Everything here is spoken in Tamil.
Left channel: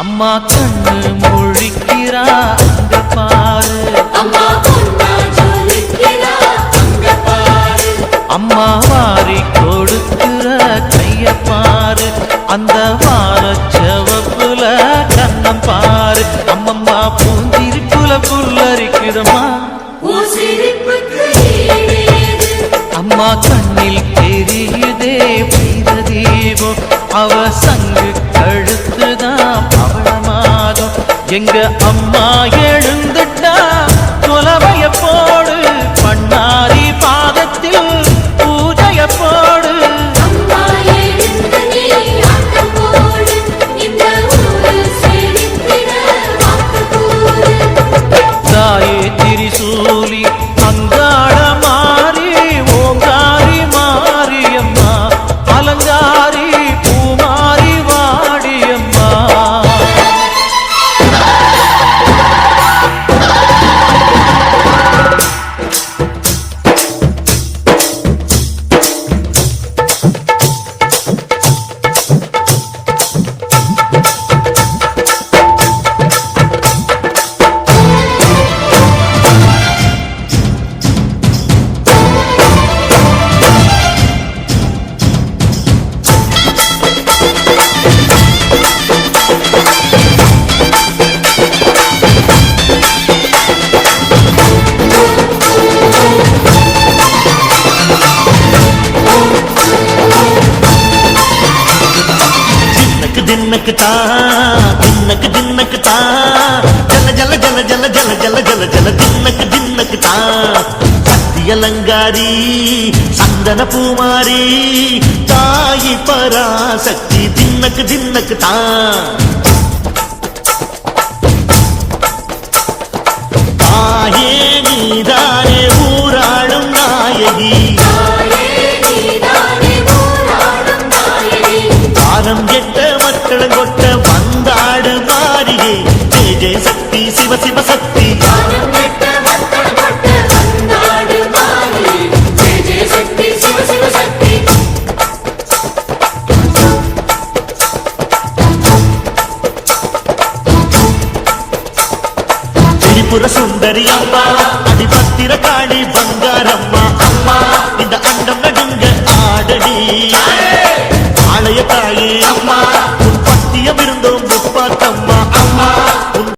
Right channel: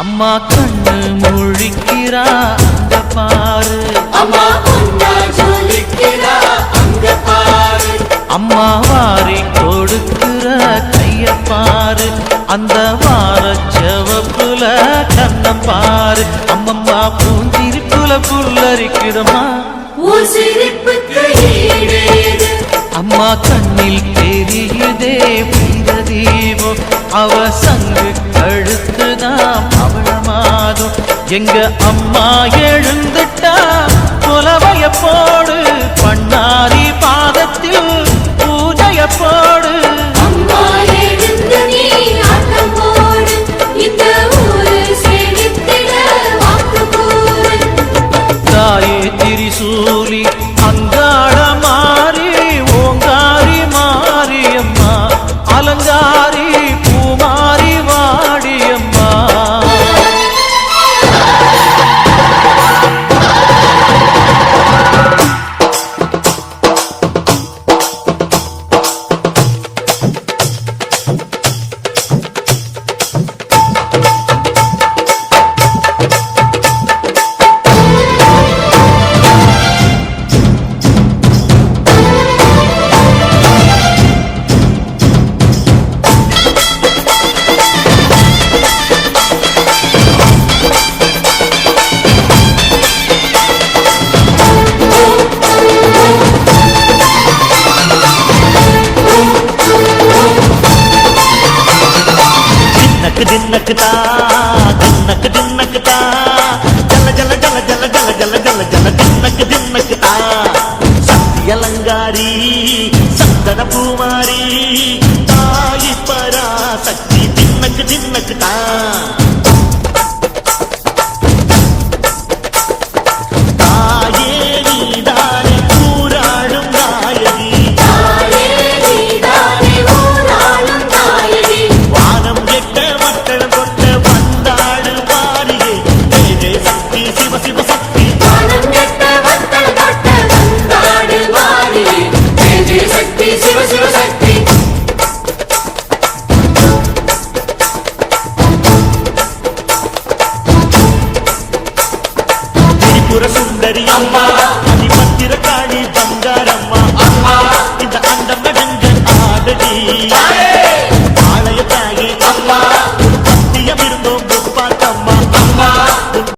அம்மா கண்ணு முழிக்கிறா அங்க பாரு. அம்மா வாரி கொடுக்கிற கைய பாரு. அந்த வார செவப்புல கண்ணம் பாரு. அம்மம்மா பூந்திருப்புல புல்லரிக்குதம்மா அம்மா கண்ணில் தெரியுதே வீர தீபம் அவ சங்கு கழுத்துதான் பவழமாதம் எங்க அம்மா எழுந்துட்டா குலவைய போடு பண்ணாரி பாதத்தில் பூஜைய போடு. அம்மா எழுந்து நீ దిన్నక దిన్నక తా. జల జల జల జల జల జల జల జల దిన్నక దిన్నక తా. సత్యలంగారి సందన పూమారి తాయి పరాశక్తి దిన్నక దిన్నక తా. త్రిపుర సుందరి అమ్మ